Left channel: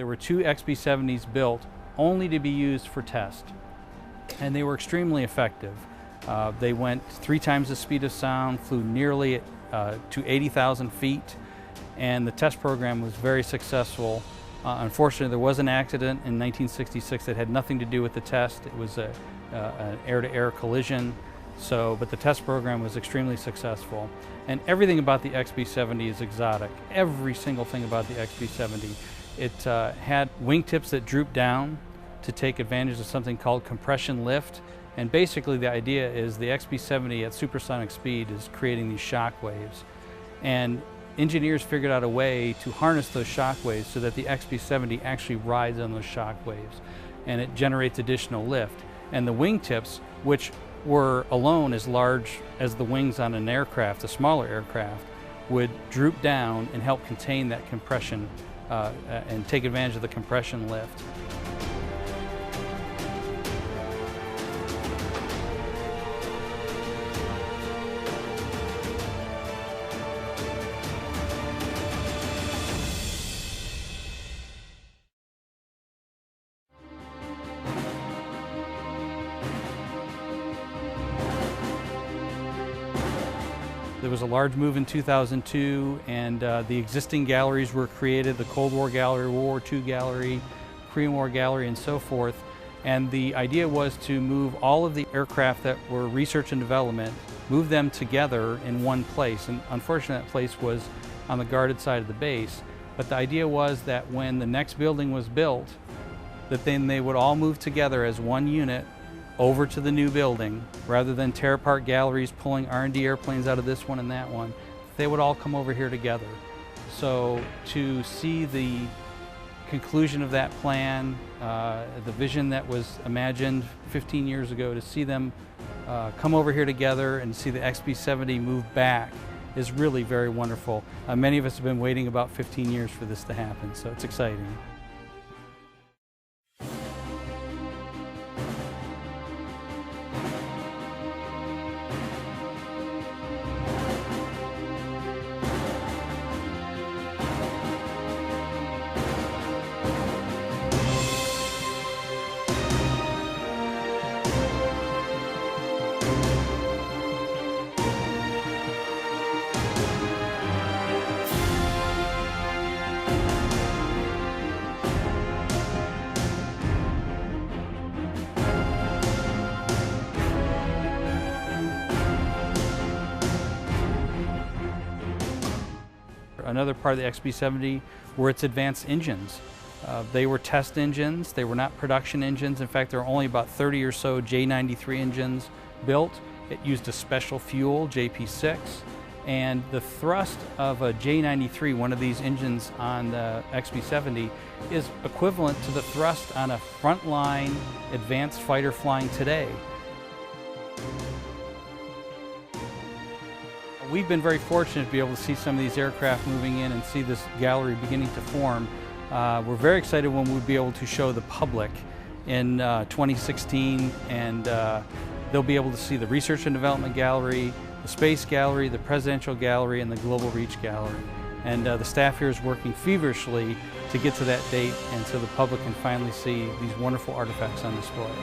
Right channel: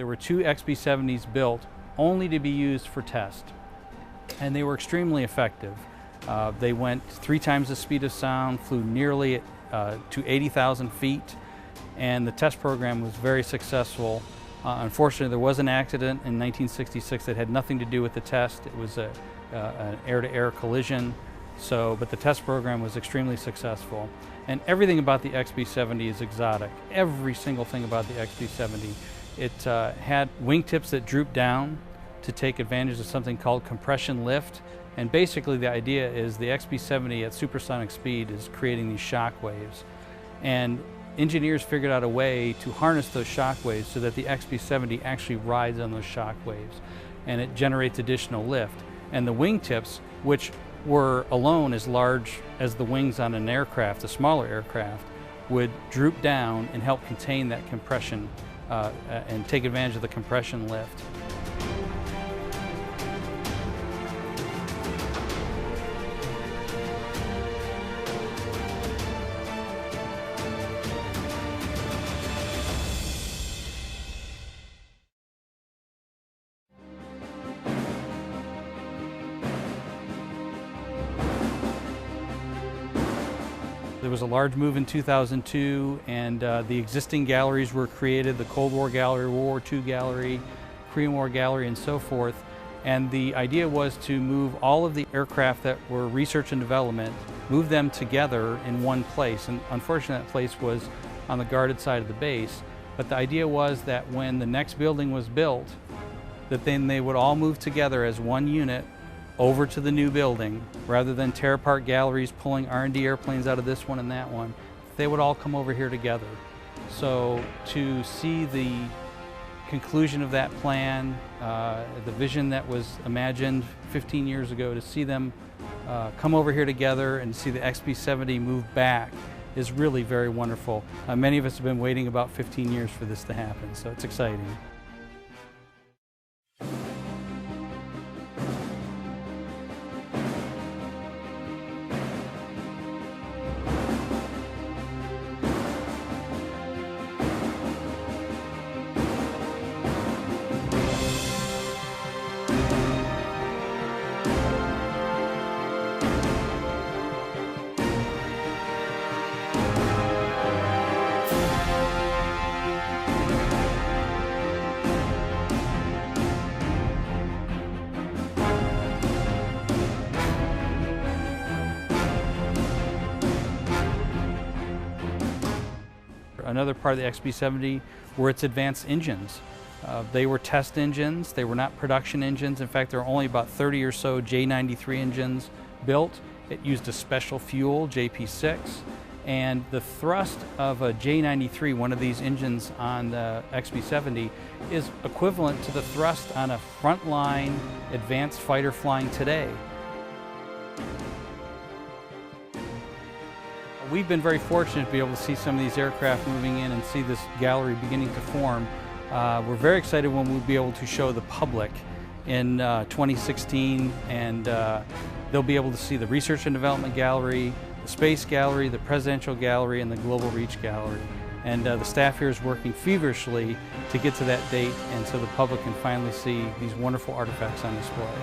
There were 2 XB-70s built only to be used for test, and they were extremely effective. They went 3 times the speed of sound, flew nearly to 80,000 feet, and the test program was very successful. Unfortunately, there was an accident in 1966 that had nothing to do with the test. It was an air-to-air collision, but the test program was extremely successful. And everything about the XB-70 is exotic. Every single thing about the XB-70. It had wingtips that drooped down to take advantage of something called compression lift. And basically the idea is the XB-70 at supersonic speed is creating these shock waves. And engineers figured out a way to harness those shock waves so that the XB-70 actually rides on those shock waves, and it generates additional lift. And the wingtips, which were alone as large as the wings on an aircraft, a smaller aircraft, would droop down and help contain that compression and take advantage of the compression lift. There was a large move in 2002, and the existing galleries were created, the Cold War Gallery, World War II Gallery, Korean War Gallery, and so forth. And the idea was to move all of the aircraft that were research and development, move them together in one place. And unfortunately, that place was on the guarded side of the base. But the idea was that when the next building was built, that then they would all move together as one unit over to the new building, rather than tear apart galleries pulling R&D airplanes out of this one and that one. They would all come over here together. So to see the conclusion of that plan, the vision that was imagined 15 years ago, to see them come over here together and see the XB-70 move back is really very wonderful. Many of us have been waiting about 15 years for this to happen, so it's exciting. Another part of the XB-70 were its advanced engines. They were test engines, they were not production engines. In fact, there were only about 30 or so J93 engines built. It used a special fuel, JP6, and the thrust of a J93, one of these engines on the XB-70, is equivalent to the thrust on a frontline advanced fighter flying today. We've been very fortunate to be able to see some of these aircraft moving in and see this gallery beginning to form. We're very excited when we'll be able to show the public in 2016, and they'll be able to see the Research and Development Gallery, the Space Gallery, the Presidential Gallery, and the Global Reach Gallery. And the staff here is working feverishly to get to that date, and so the public can finally see these wonderful artifacts on display.